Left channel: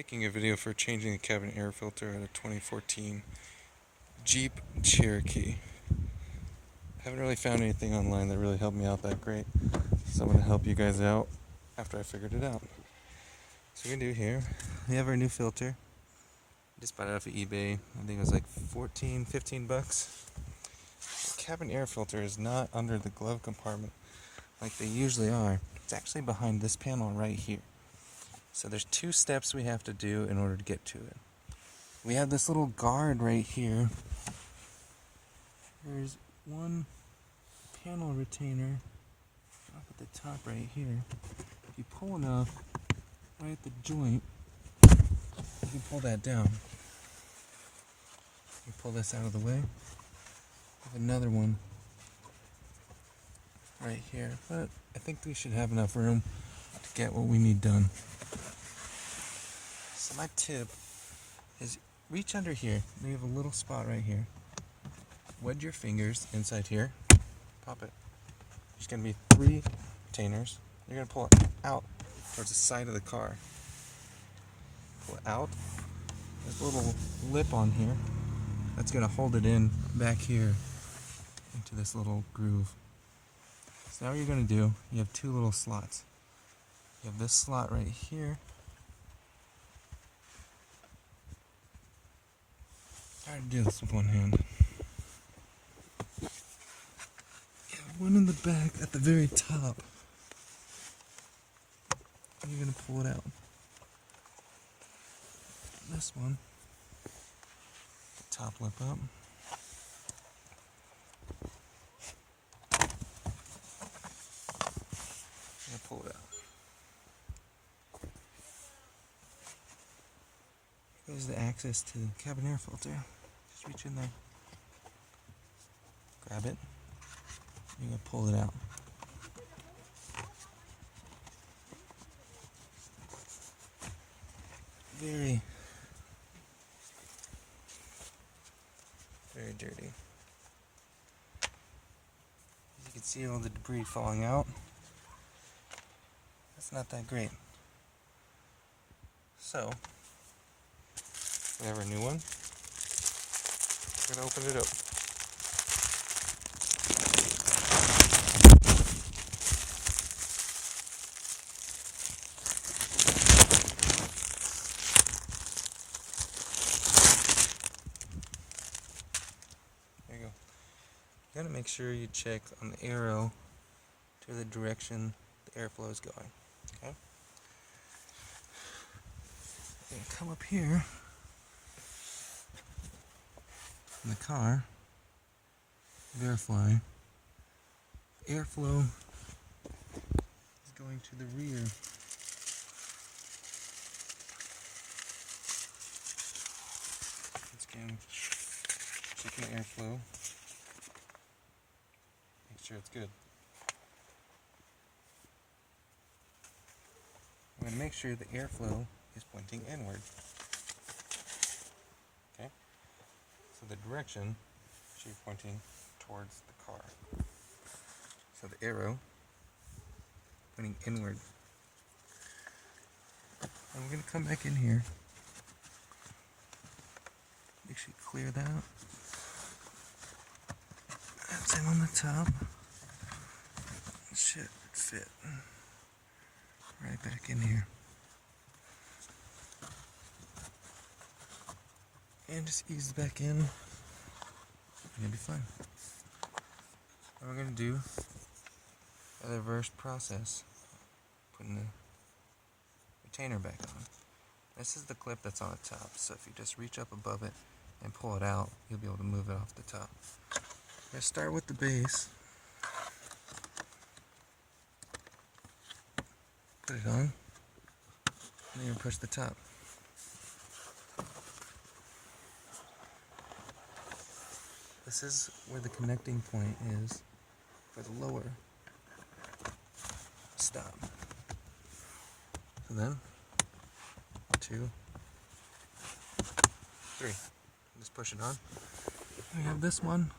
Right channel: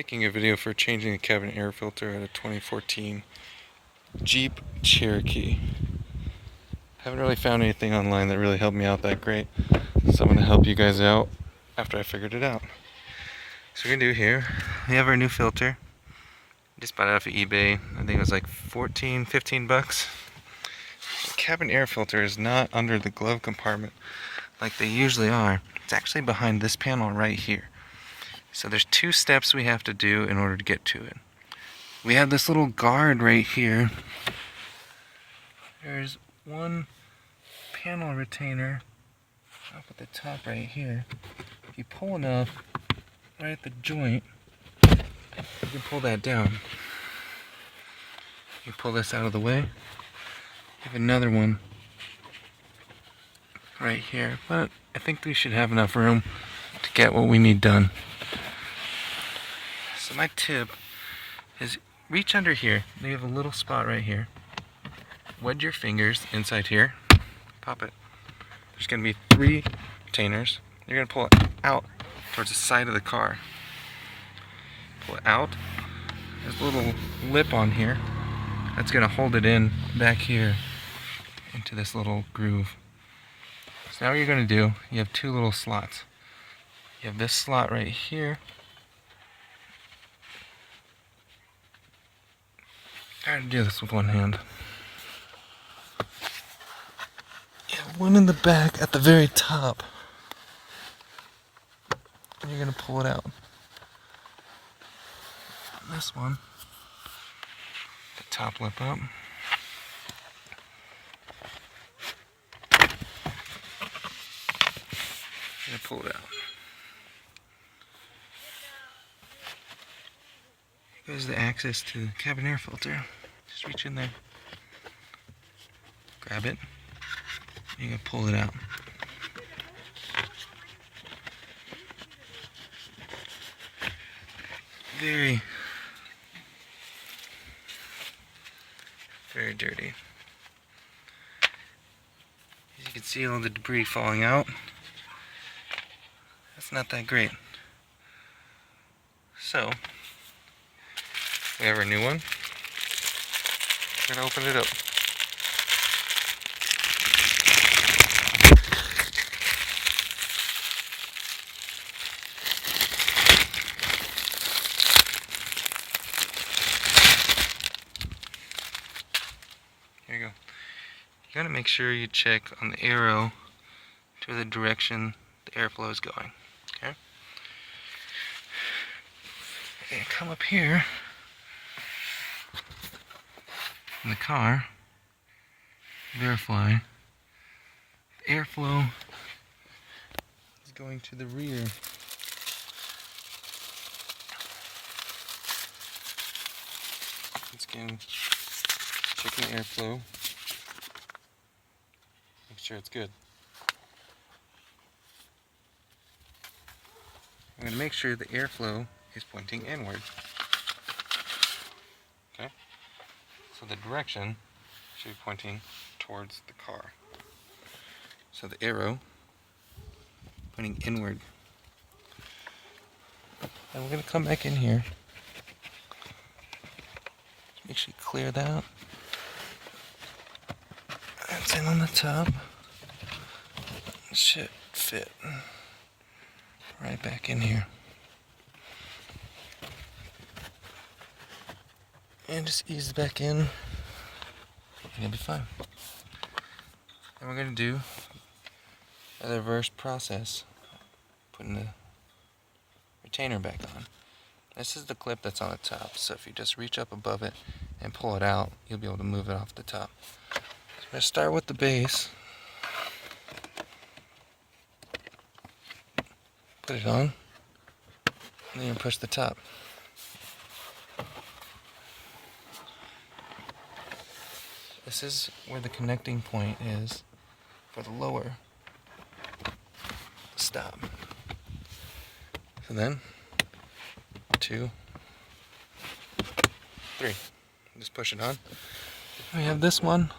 Making a video for changing the cabin air filter at a 2014 Jeep Cherokee. Haven't really found anything online that really helped me out that great, so I'm going to help you guys out after I figured it out. So we're going to do here, we have our new filter. Just bought it off of eBay. I think it was like 14, 15 bucks. The cabin air filter is not under the glove compartment like they usually are. It's actually behind this panel right here. So there's two steps we have to do in order to get to it. We have this little guard right here. There's one panel retainer up at the top right here. If you pull enough right at the joint, you can pull that down. You pull this out of the way. You have another one right here, but I think we should have enough room to get what we need done. So my tip is reach under here. You have a little spot right here. Wedge your fingers inside here. Pop it. There's going to be 3 retainers. You're going to pull it out towards the side of the car. Pull it out. There's a little lip on here. That's going to hold it in back here into this little groove. So now what you're going to do, you have 2 little slots. You have this slot right here. I gotta do this with one hand. You have one in the back at the very top. And you're gonna pull it out. This one, the top lip up. And pull it out. Here goes the access to the cabin air filter. Just reach in there, grab it, you can pull it out. Very, very dirty. As you can see, all the debris falling out. That's not that great. So, we have our new one. We're gonna open it up. Here you go. You gotta make sure you check on the arrow to the direction the airflow is going. Okay? Okay, come up here in the car, verify the airflow is going to the rear. Let's again check the airflow, make sure it's good. I'm going to make sure the airflow is pointing inward. Okay? So the direction should be pointing towards the car. So the arrow pointing inward. And we're going to come back in here. Make sure you clear that. That's in on the top. It should fit right back in here. And just ease it back in, and you'll be fine. Then we're going to do a reverse process, putting the retainer back on. This is the clip that's on the top, so if you just reach up above it and pull it out, you'll be able to move it off the top. So we're going to start with the base. Put it on, and then you push the top. This is where the connecting point is for the lower stop. So then, 2, 3. Just push it on. We have this one.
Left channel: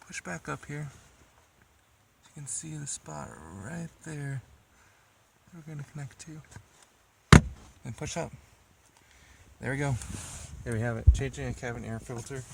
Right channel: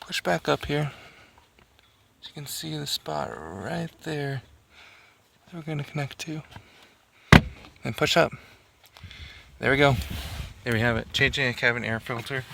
Push back up here. So you can see the spot right there that we're going to connect to. and push up. There we go. There we have it. Changing a cabin air filter.